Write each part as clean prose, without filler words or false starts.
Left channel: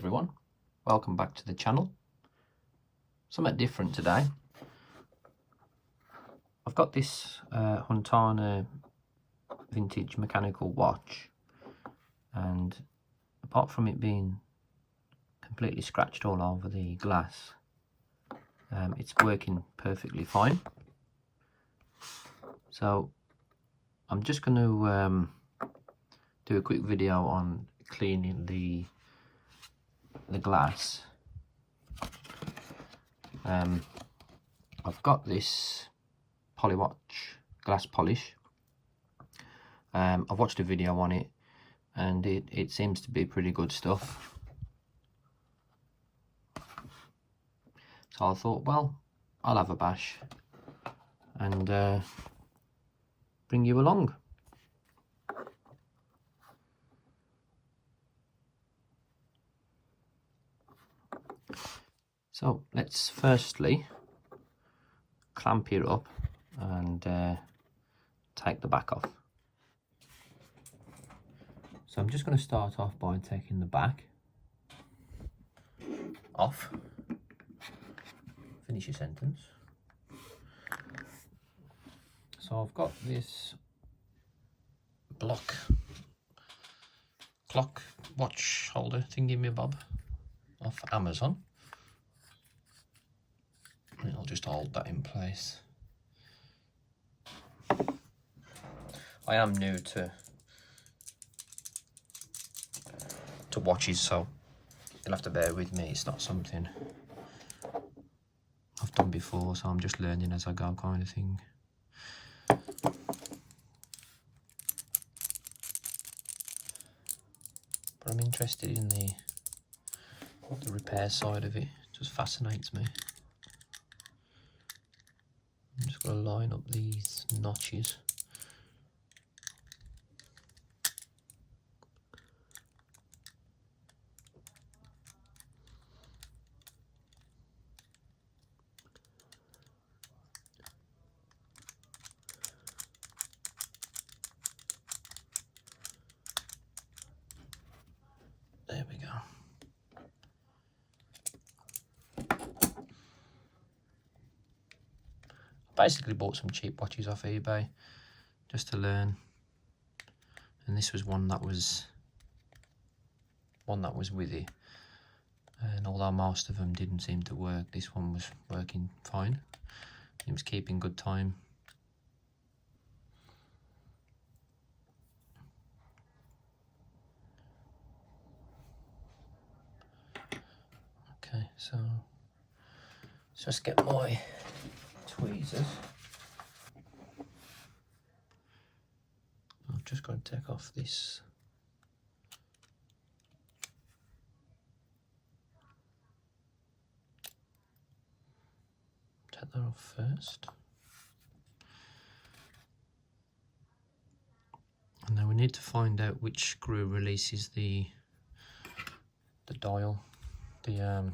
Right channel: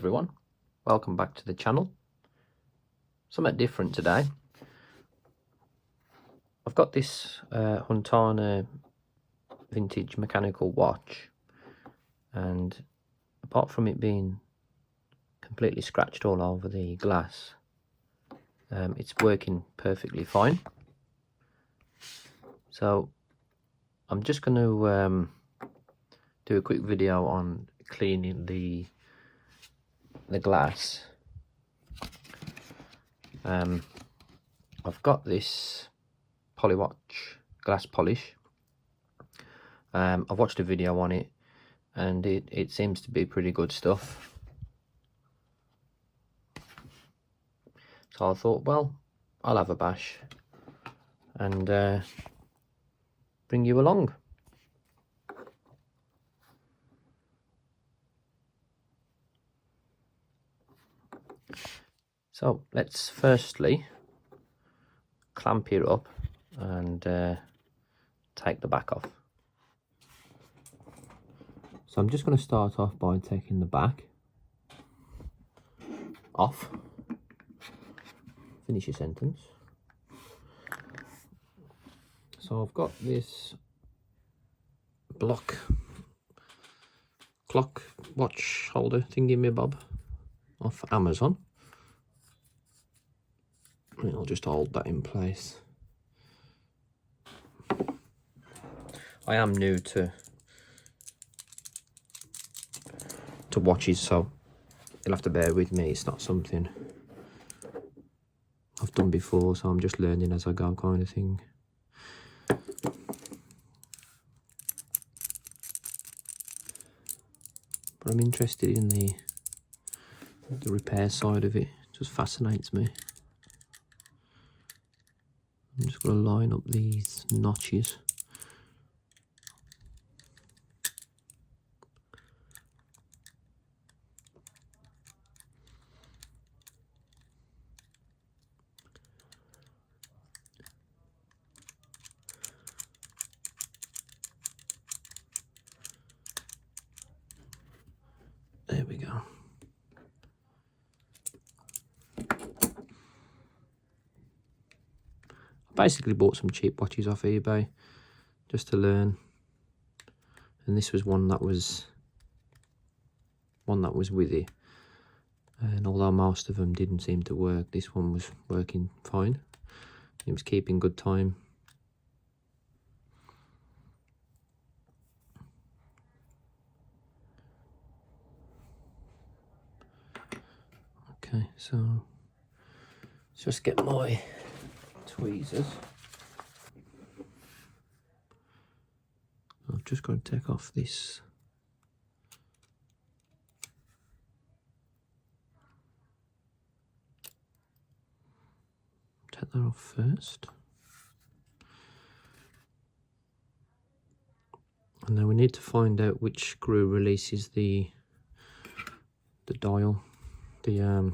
everyone, welcome back to the channel. Something different today. I've got this Huntana vintage mechanical watch, and apart from it being completely scratched all over the glass, it's working perfectly fine. So I'm just going to do a quick video on cleaning the glass. I've got this Polywatch glass polish. I've watched a video on it, and it seems to be pretty good stuff. So I thought, well, I'll have a bash and bring you along. So let's firstly clamp it up and take the back off. So I'm just going to start off by taking the back off. Finish your sentence. So I've got this clock watch holder thingy me bob off Amazon. And I'll just hold that in place. I am new to watches, so you'll have to bear with me. It's not something I've done before, so I'm just learning as I go, kind of thing. But I'm interested in the repair side of it. It just fascinates me. I'm just going to line up these notches. There we go. I basically bought some cheap watches off eBay just to learn, and this was one that was with it. And although most of them didn't seem to work, this one was working fine. It was keeping good time. Okay, so let's just get my tweezers. I've just got to take off this take that off first, and then we need to find out which screw releases the dial, the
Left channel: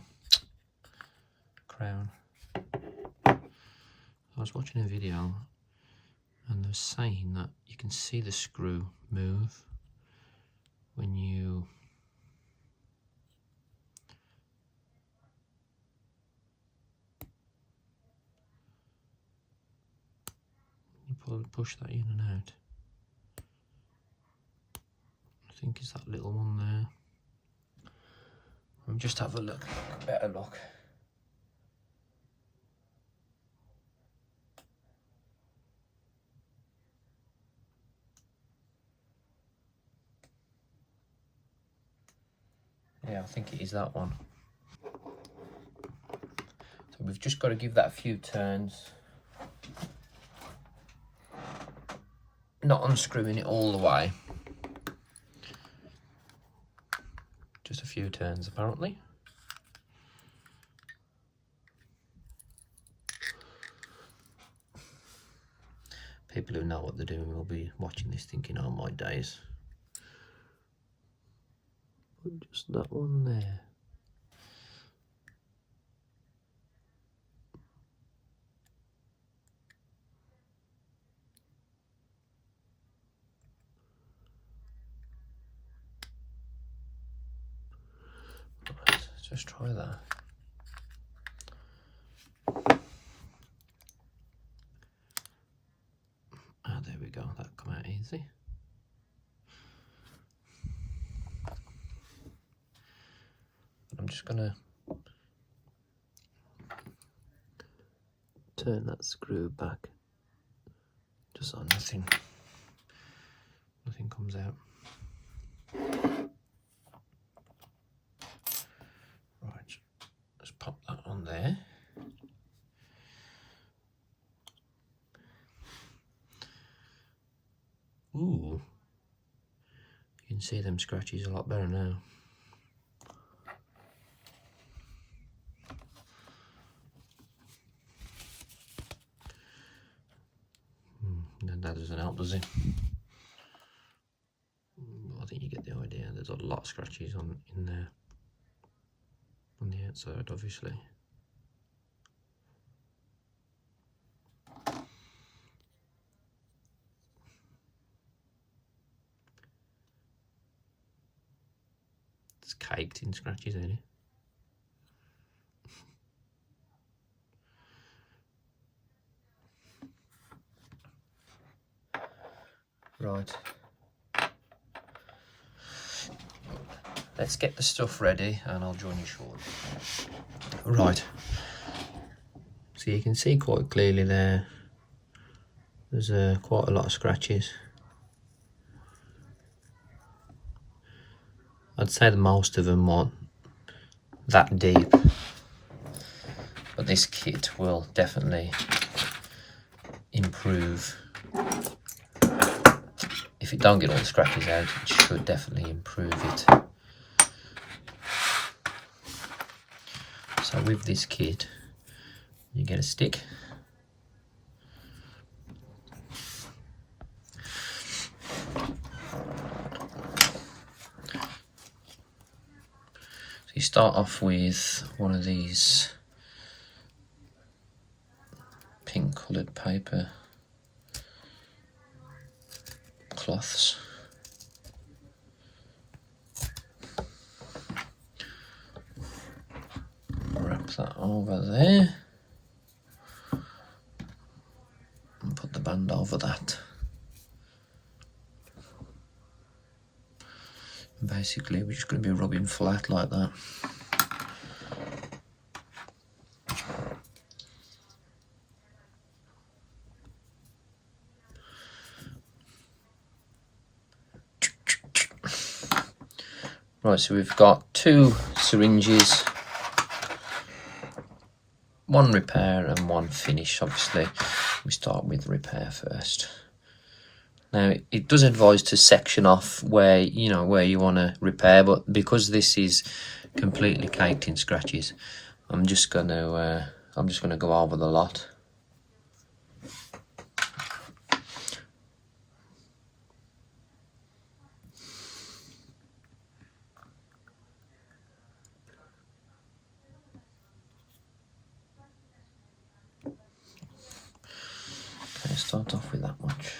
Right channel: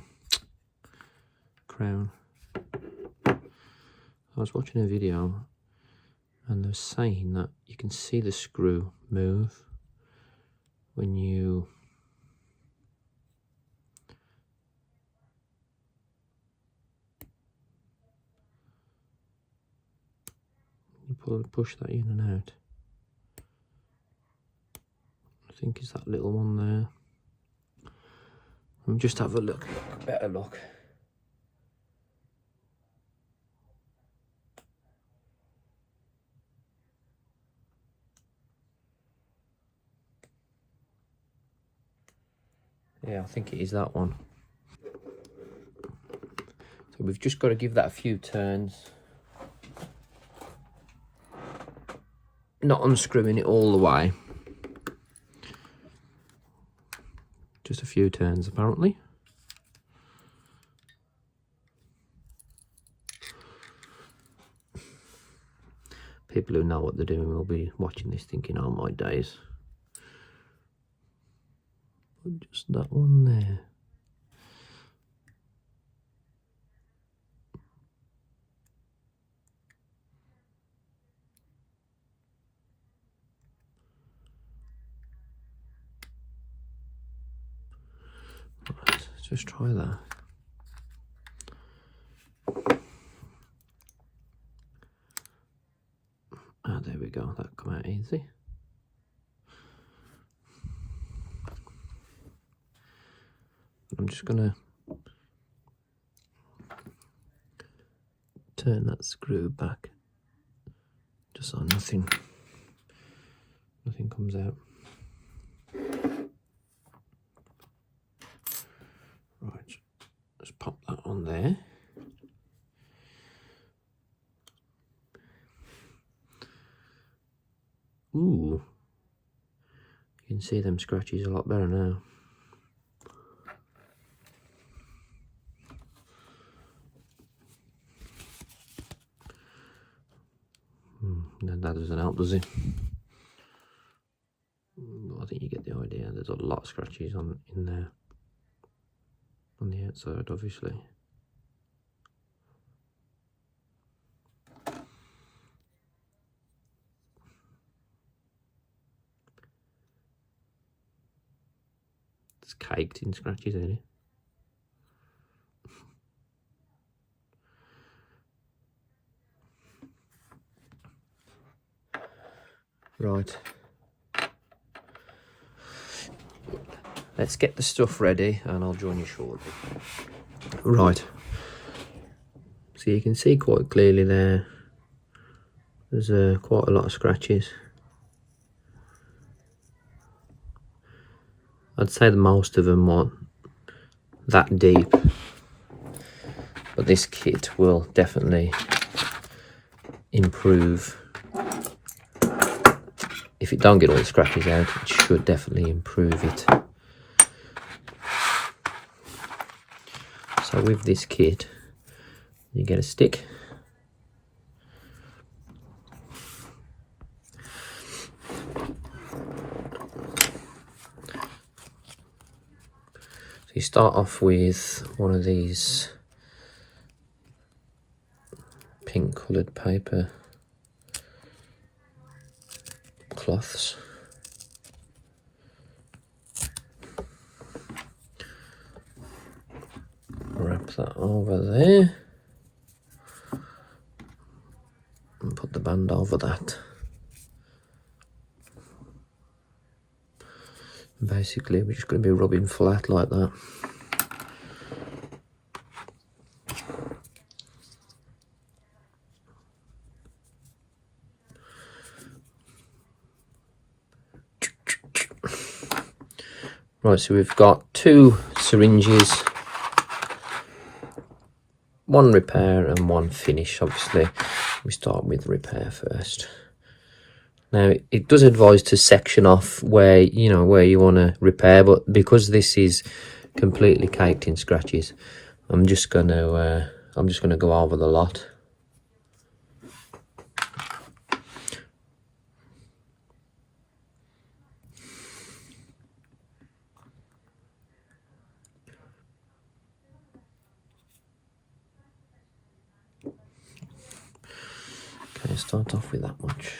crown. I was watching a video and they're saying that you can see the screw move when you push that in and out. I think it's that little one there. We'll just have a look, a better look. Yeah, I think it is that one. So we've just got to give that a few turns. Not unscrewing it all the way. Just a few turns apparently. People who know what they're doing will be watching this thinking, oh my days. Just that one there. Let's just try that. Ah, there we go, that come out easy. I'm just gonna turn that screw back just so nothing comes out. Right, let's pop that on there. Ooh, you can see them scratches a lot better now. That doesn't help, does it? I think you get the idea. There's a lot of scratches in there on the outside, obviously. It's caked in scratches, ain't it? Right. Let's get the stuff ready and I'll join you shortly. Right. So you can see quite clearly there's quite a lot of scratches. I'd say that most of them aren't that deep, but this kit will definitely improve. If it don't get all the scratches out, it should definitely improve it. So with this kit, you get a stick. So you start off with one of these pink coloured paper cloths. Wrap that over there and put the band over that. And basically we're just going to be rubbing flat like that. Right, so we've got 2 syringes, 1 repair and 1 finish. Obviously we start with repair first. Now it does advise to section off where you want to repair, but because this is completely caked in scratches, I'm just going to go over the lot. Okay, start off with that much.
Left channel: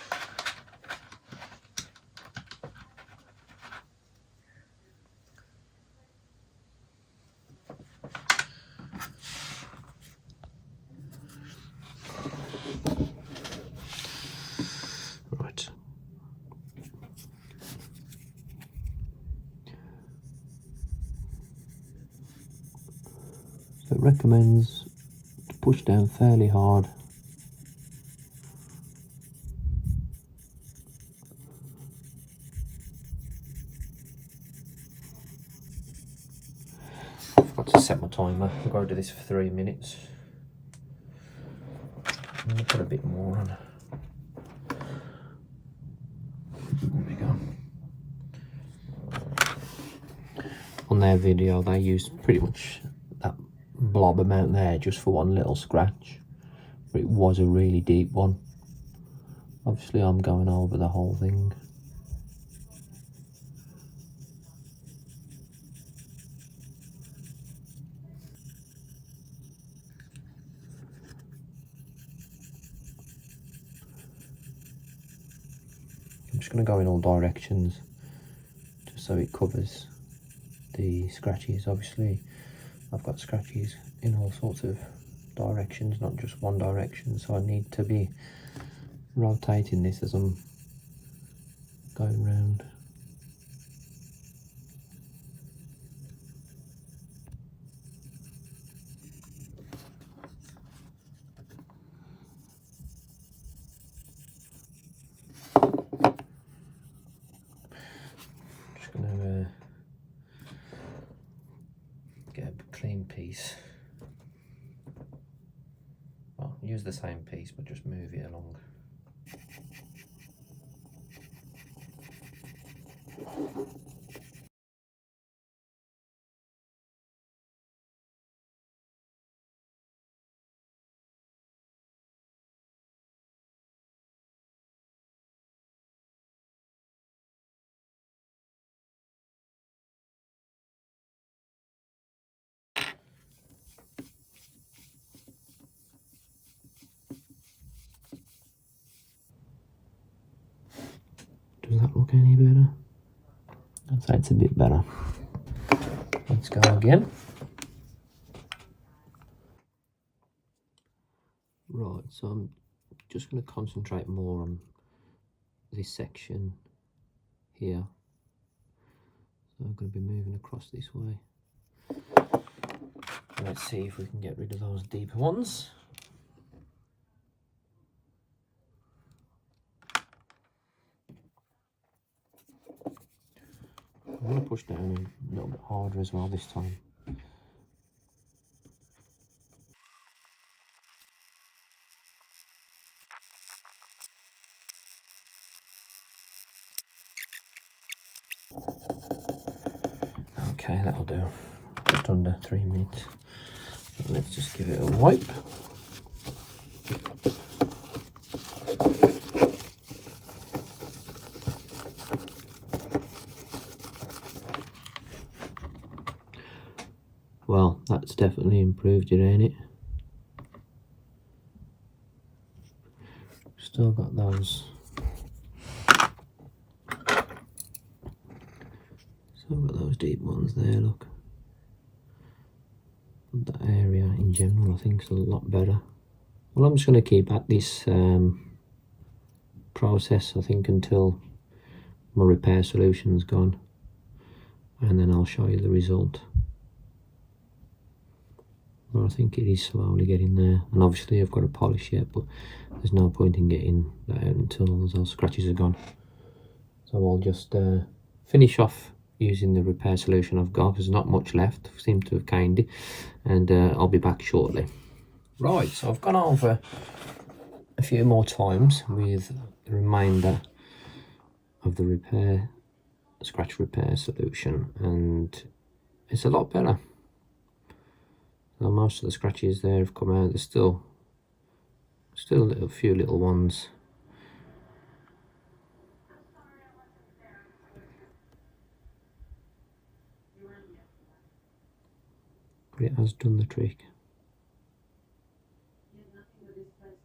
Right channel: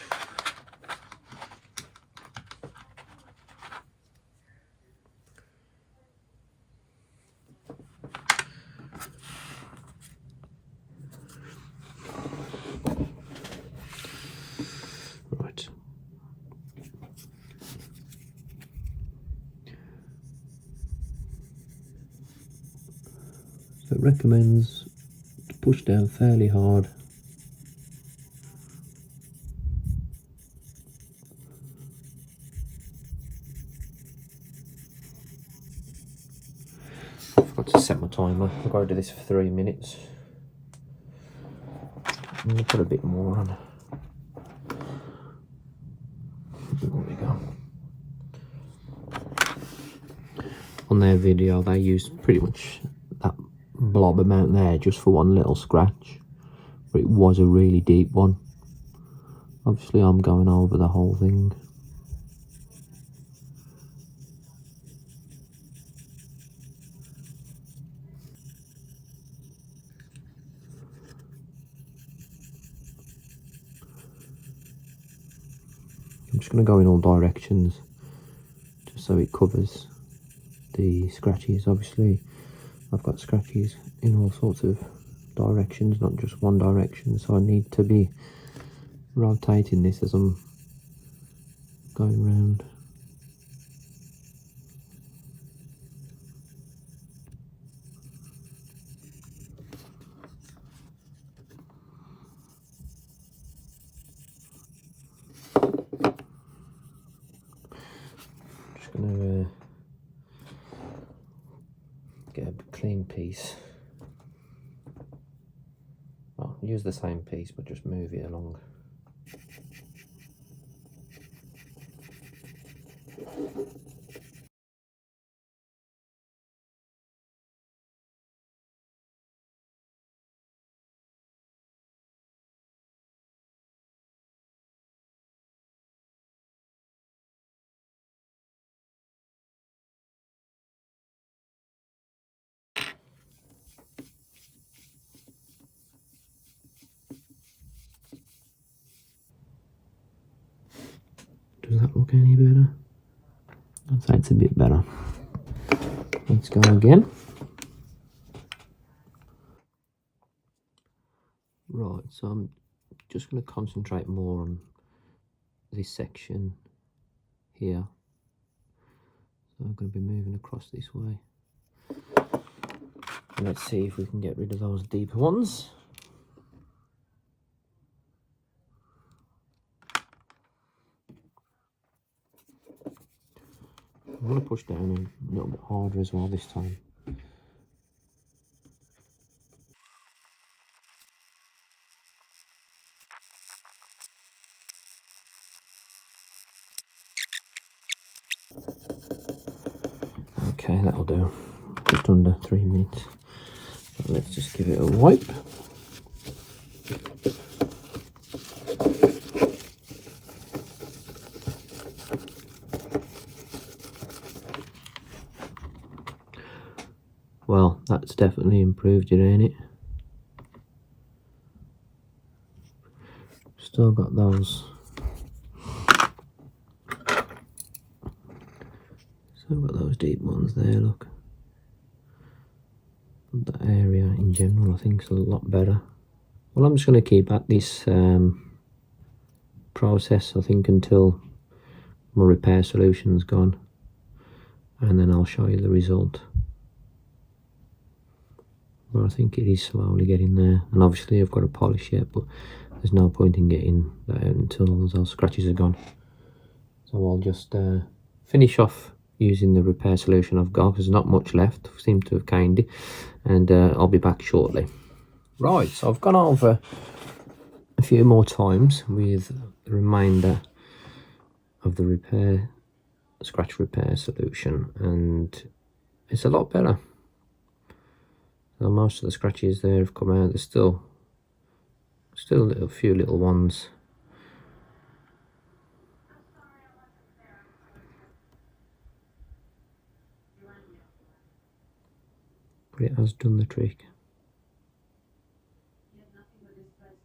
Right. So it recommends to push down fairly hard. Got to set my timer. I've got to do this for 3 minutes. I'm going to put a bit more on. There we go. On their video, they used pretty much that blob amount there just for one little scratch, but it was a really deep one. Obviously, I'm going over the whole thing. I'm just going to go in all directions just so it covers the scratches. Obviously I've got scratches in all sorts of directions, not just one direction, so I need to be rotating this as I'm going round. Just going to get a clean piece. Well, use the same piece but just move it along. Does that look any better? I'd say it's a bit better. Let's go again. Right, so I'm just going to concentrate more on this section here. So I'm going to be moving across this way. Let's see if we can get rid of those deeper ones. I'm going to push down a little bit harder as well this time. Okay, that'll do. Just under 3 minutes. So let's just give it a wipe. Well, that's definitely improved it, ain't it? Still got those. Still got those deep ones there, look. But that area in general I think is a lot better. Well, I'm just going to keep at this process, I think, until my repair solution's gone. And then I'll show you the result. But I think it is slowly getting there. And obviously I've got to polish it, but there's no point in getting that out until those scratches are gone. So I'll just finish off using the repair solution I've got. There's not much left, I seem to have caned it. And I'll be back shortly. Right, so I've gone over a few more times with the remainder of the scratch repair solution, and it's a lot better. Now, most of the scratches there have come out. There's still a few little ones. But it has done the trick.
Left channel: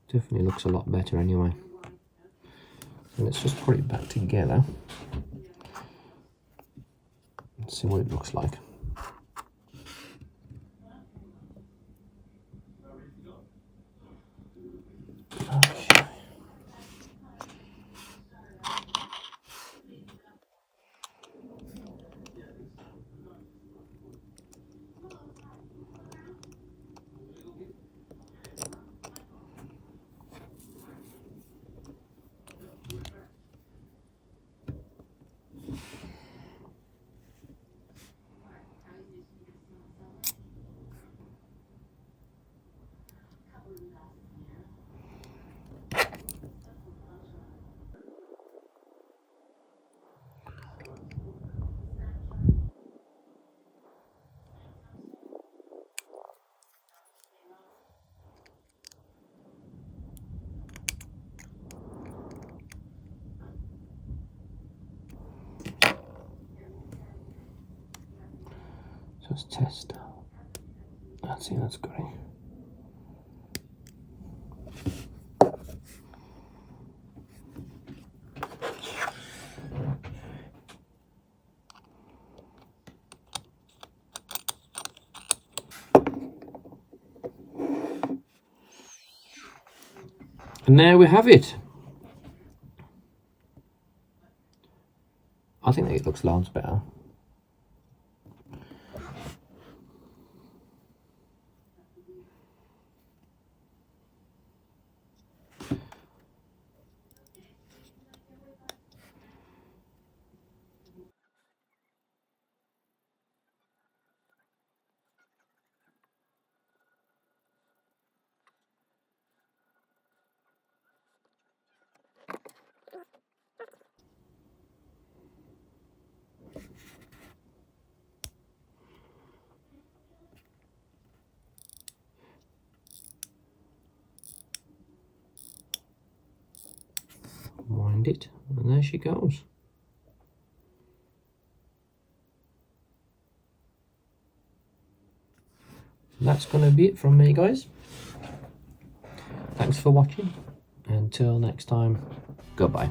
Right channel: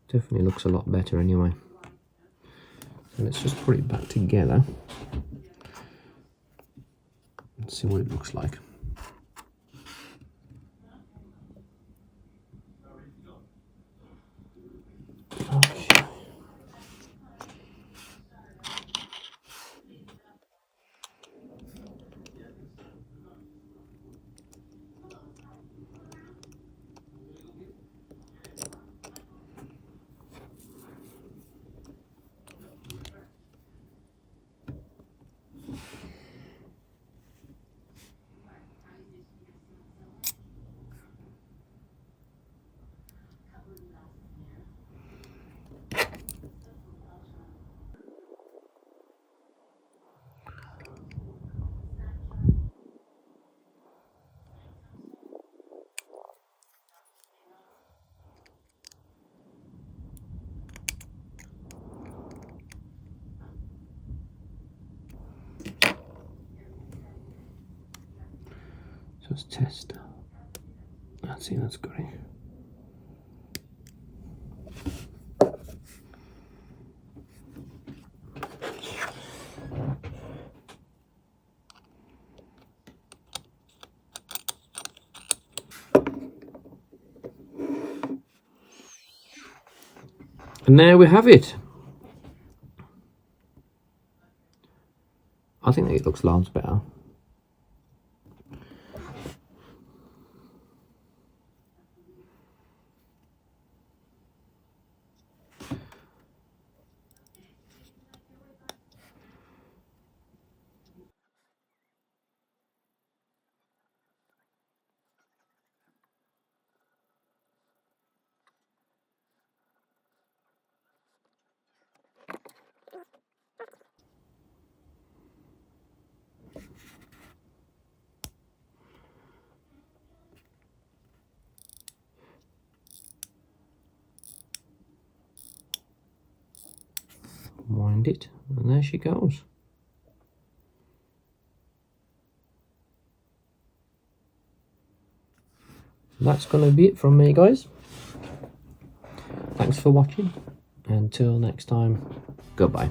Definitely looks a lot better anyway. So let's just put it back together. Let's see what it looks like. Okay. Just test. Let's see, that's great. And there we have it. I think it looks loads better. Wind it, and there she goes. That's going to be it from me, guys. Thanks for watching. Until next time, goodbye.